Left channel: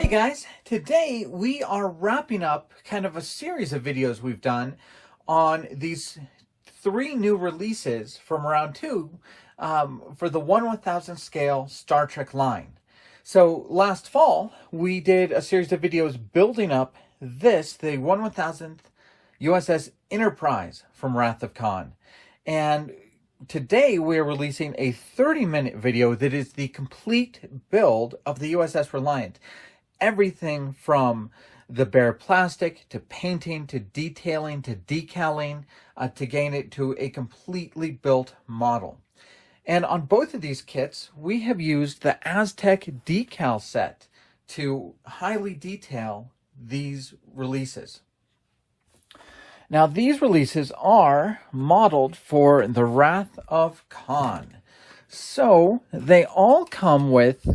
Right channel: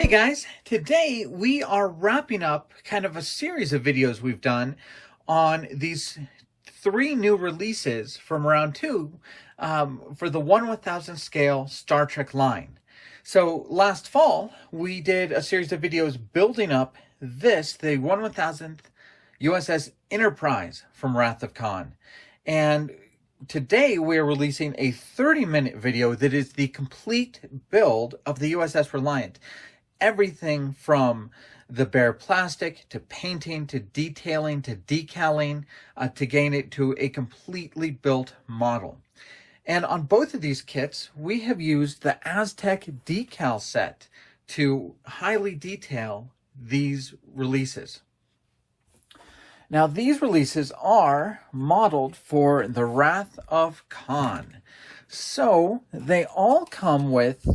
Hey guys, today we are wrapping up kind of a series of videos we've done on these three new releases from round two for the 1/1000 scale Star Trek line. So last fall, we did a series of videos building up the 1/1000th USS Enterprise from Wrath of Khan. And today we are releasing a 30-minute video that is the complete build of the USS Reliant. Everything from the bare plastic to painting to detailing to decaling to gain it to a completely built model. And on both of these kits, we have used the Aztec Decal set to highly detail these releases. Now, these releases are modeled for the Wrath of Khan. So they all come with,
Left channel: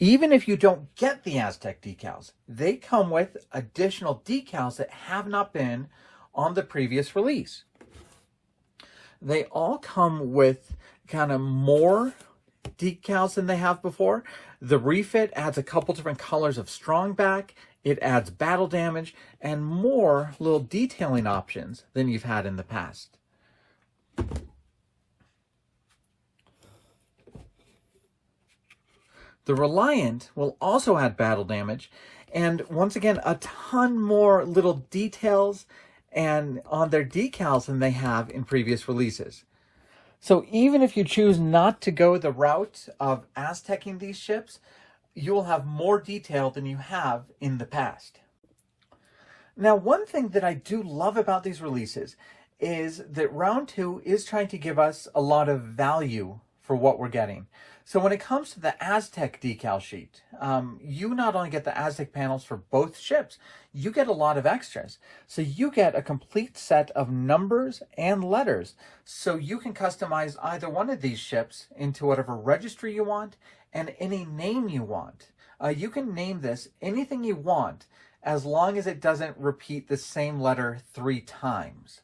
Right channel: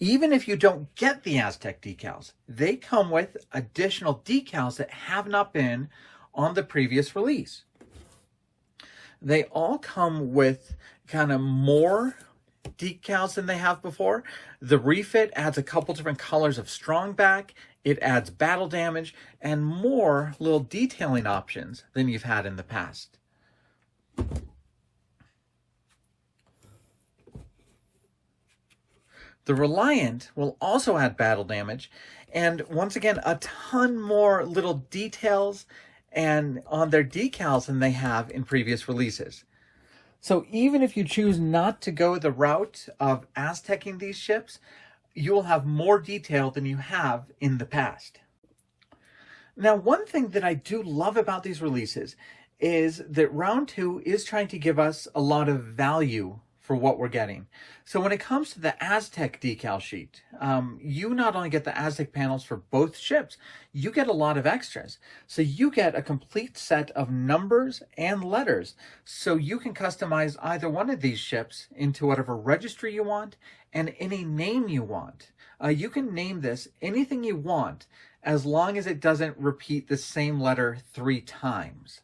even if you don't get the Aztec decals, they come with additional decals that have not been on the previous release. They all come with kind of more decals than they have before. The refit adds a couple different colors of strong back. It adds battle damage and more little detailing options than you've had in the past. The Reliant will also add battle damage, and once again, a ton more little details and on their decals than they have in previous releases. So even if you choose not to go the route of Aztecing these ships, you will have more detail than you have in the past. Now, one thing that I do love about these releases is that round two is trying to give us a lot of value for what we're getting. So when it comes to the Aztec decal sheet, you not only get the Aztec panels for both ships, you get a lot of extras. So you get a complete set of numbers and letters. So you can customize either one of these ships into whatever registry you want and any name you want. You can name this anything you want as long as it doesn't repeat the same letter 3 times.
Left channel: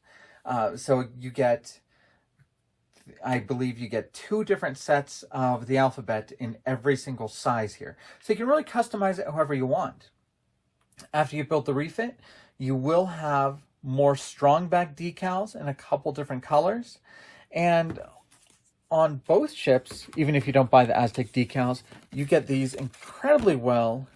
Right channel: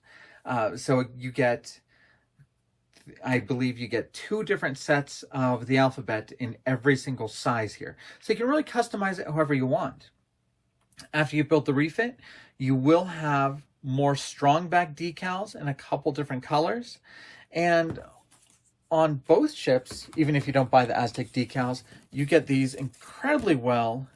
So you get, I believe you get 2 different sets of the alphabet in every single size here. So you can really customize it however you want. After you build the refit, you will have more strong back decals in a couple different colors. And on both ships, even if you don't buy the Aztec decals, you get these incredibly well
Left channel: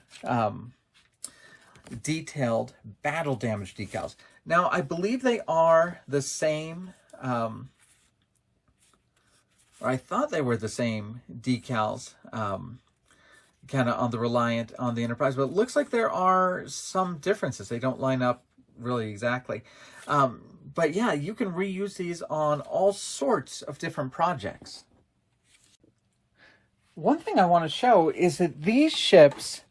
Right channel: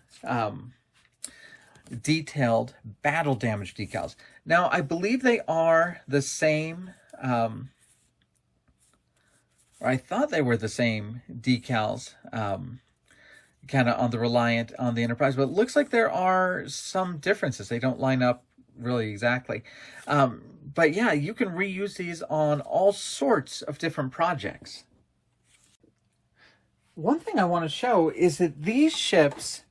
detailed battle damage decals. Now, I believe they are the same, or I thought they were the same decals, kind of on the Reliant, on the Enterprise, but it looks like there are some differences. They don't line up really exactly. But yeah, you can reuse these on all sorts of different projects. One thing I want to show is that these ships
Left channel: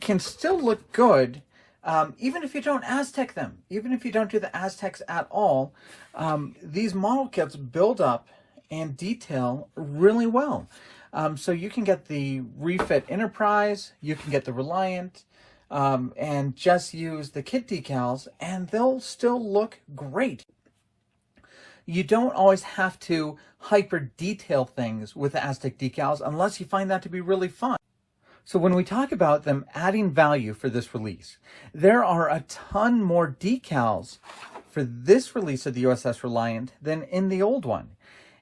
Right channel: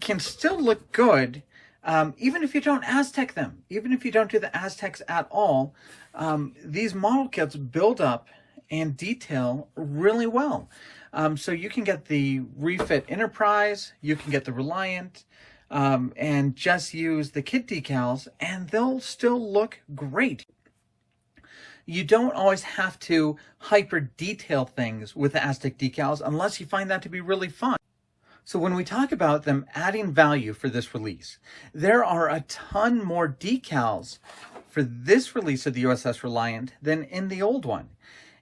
can still look good even if you don't Aztec them. Even if you don't do the Aztecs at all, these model kits build up and detail really well. So you can get the refit Enterprise, you can get the Reliant, and just use the kit decals and they'll still look great. You don't always have to hyper detail things with the Aztec decals unless you find that to be really fun. So when we talk about them adding value for this release, there are a ton more decals for this release of the USS Reliant than in the old one.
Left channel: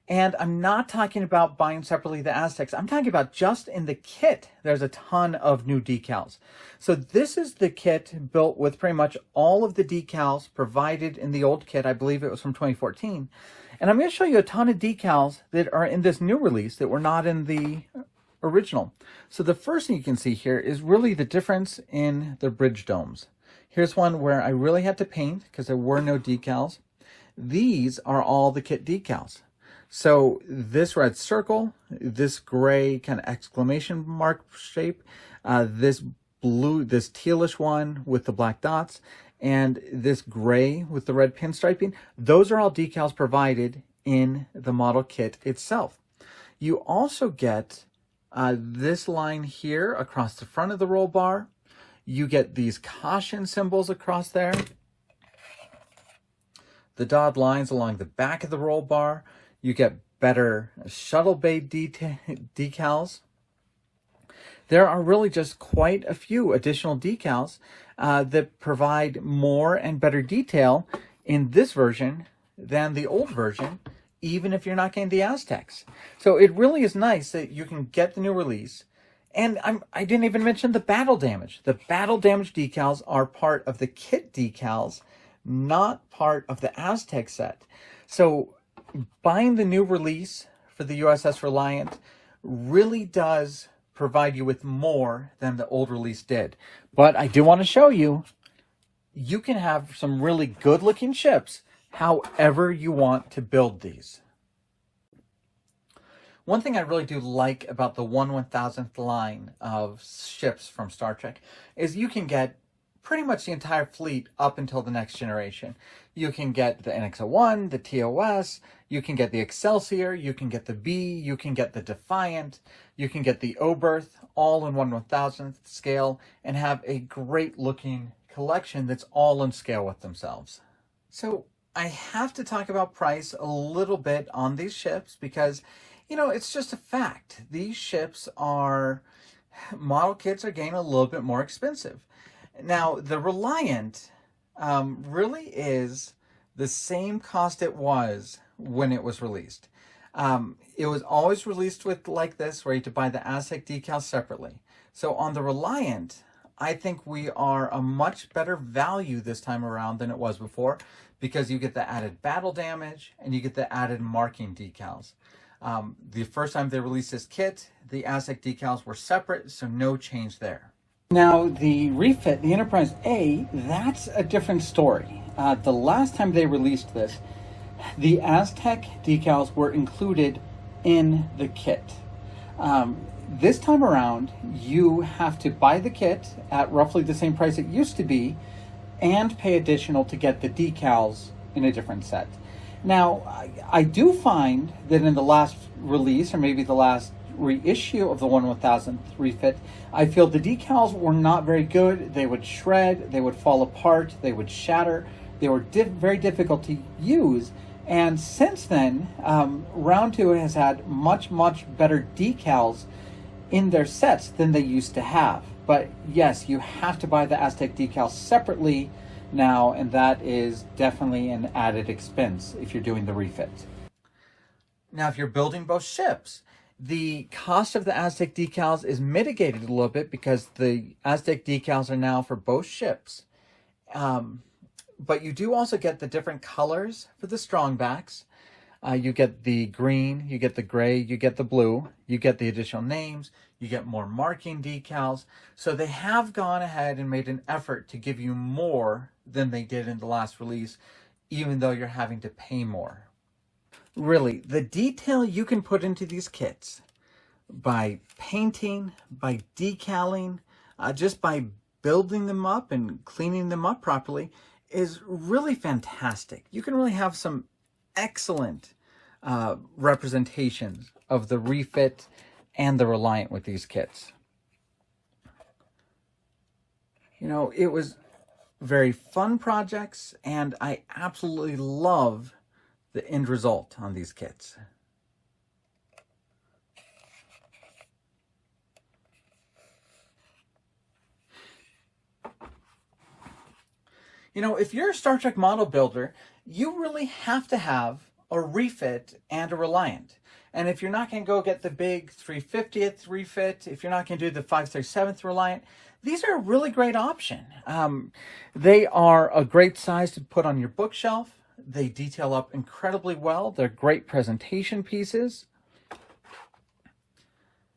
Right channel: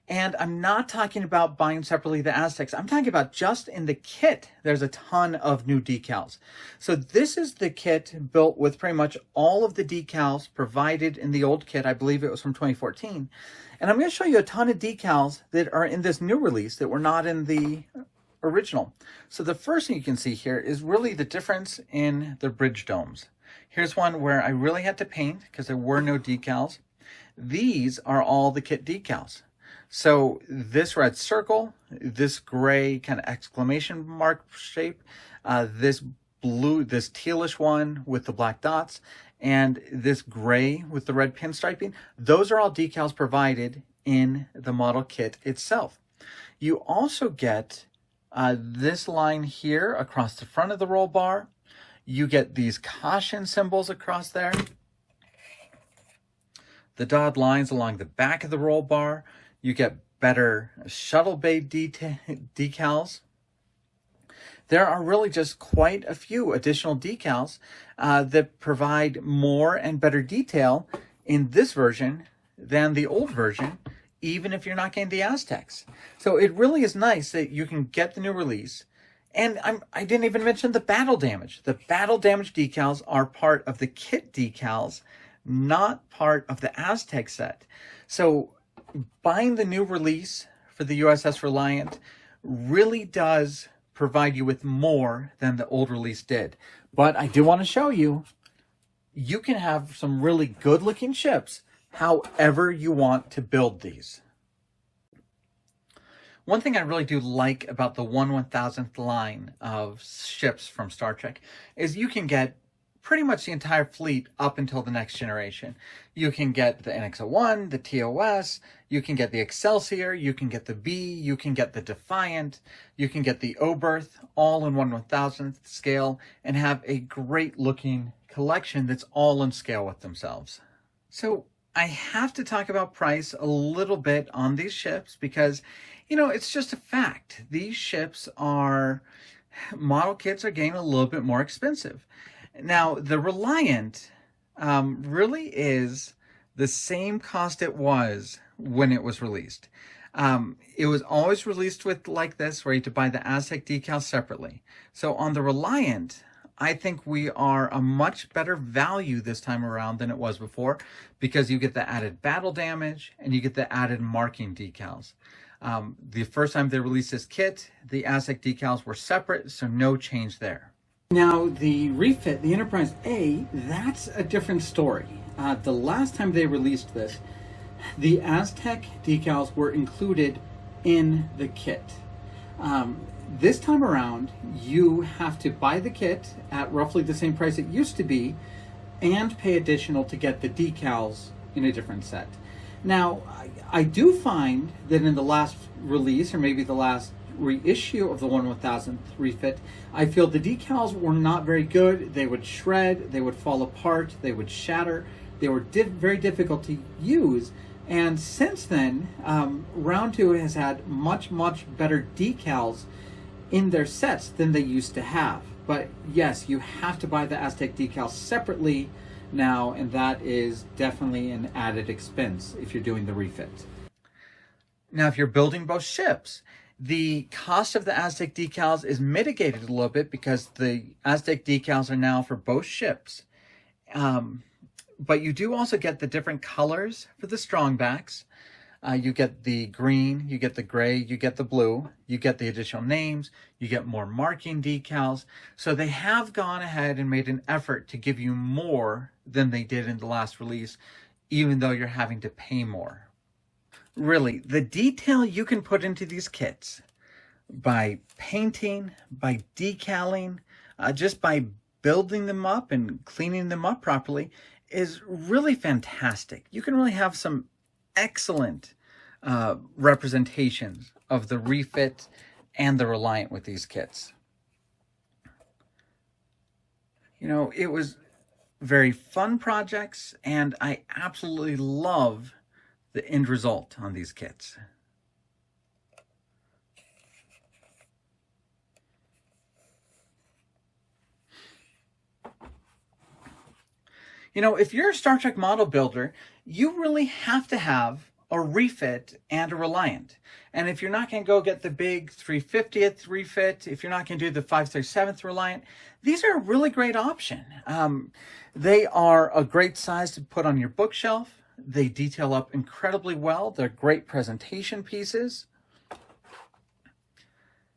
And I'm not talking about buying separately the Aztecs. I'm talking about just in the kit, there's a ton of new decals. So this is the kit built with pretty much all of the decals provided in the old kit. I believe it was from 2014. And I'm going to show you a ton of decals that are in this new release that were not in the original. So the first thing you can see here is really the difference in the bridge domes. Here's one where I really had to paint because there were no decals. These are all the kit decals. So this red circle, this gray kind of exclamation mark shape, this blue, this tealish one with the black dots, and this gray with the red pinstriping, those are all decals provided in the model kit itself. You also get this line here across the front of the roll bar. You get these caution symbols across there. The dotted lines along the back of the roll bar. You get better shuttle bay decals. there are really just quite a few additional decals that provide more and better detail in this version than the old version, even if you're not getting the Aztecs. So it really is nice that you can get the new release. And I didn't even mention the battle damage. The battle damage decals are part of the kit decals, not part of the Aztec set. So buying the new release for the USS Reliant really does provide you with more than the old release did. But I do want to show you, you can have some really good looking ships however you want to build these. One thing I really do like about the 1/1000th line of ships from Star Trek is you can get pretty much the entire fleet up until the next generation. You can get the NX-01, the TOS, you can get the Excelsior, you can get the B, you can get the Defiant, you can get the Oberth, all in 1/1000th scale, and have a great looking collection that's all in scale with themselves. So I have to talk about price a little bit on these ships because, you know, it's just a fact. These ships are, model kits are getting a little bit more expensive. Now, the Reliant really is the same cost it was when it was released. It was always released with like this, where you had to buy the Aztec decals separately. So on the Reliant, I think we are a much better value this time around than it was before, because you get the added battle damage and you get the added marking decals. The first time they released this kit, the Aztec decals were separate, so no change there. Now, the refit, the Enterprise A, that's a different story. The last time they released this, the Aztec decals were included in the kit. This time around, you have to buy the kit at roughly the same price it used to be and pay additional to get the decals in a different set. Now, I do find that in the last release, or maybe the last reissue of the 1/1000th refit, I feel the decals were not very good. They would shred, they would fall apart, they would shatter, they were very difficult to use. And since then, Round 2 has had much better decals in their sets than they used to have. But yes, you have to buy the Aztec decals separately now, and that is definitely an added expense if you're doing the refit. Now, if you're building both ships, the cost of the Aztec decals is mitigated a little bit because the Aztec decals are now for both ships. But you do also get the different colors for the strongbacks. You get the green, you get the gray, you get the blue, you get the additional names, you get more marking decals. So they have gone ahead and made an effort to give you more than they did in the last release, even though you're having to pay more. Really, the detail you can put into these kits by painting, by decaling, just by building them up and cleaning them up properly is really fantastic. You can really have some excellent representations of the refit and the Reliant with these kits. You know, it was very fun projects, and I absolutely love the end result on these kits. You know, if you're a Star Trek model builder, you really have to have a refit and a Reliant. And if you're not going to go get the big 350th refit, if you're not going to do the 537th Reliant, these are a really great option. They are a great size to put on your bookshelf. They detail up incredibly well. They're great presentation pieces.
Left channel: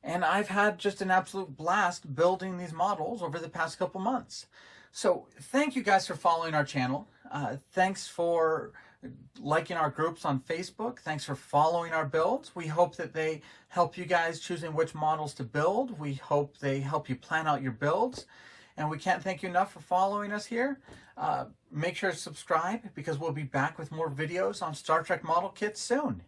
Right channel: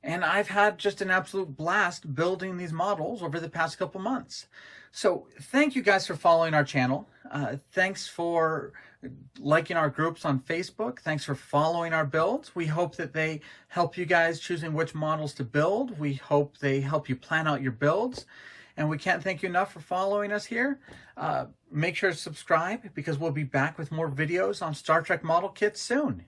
And I've had just an absolute blast building these models over the past couple months. So thank you guys for following our channel. Thanks for liking our groups on Facebook. Thanks for following our builds. We hope that they help you guys choosing which models to build. We hope they help you plan out your builds. And we can't thank you enough for following us here. Make sure to subscribe, because we'll be back with more videos on Star Trek model kits soon.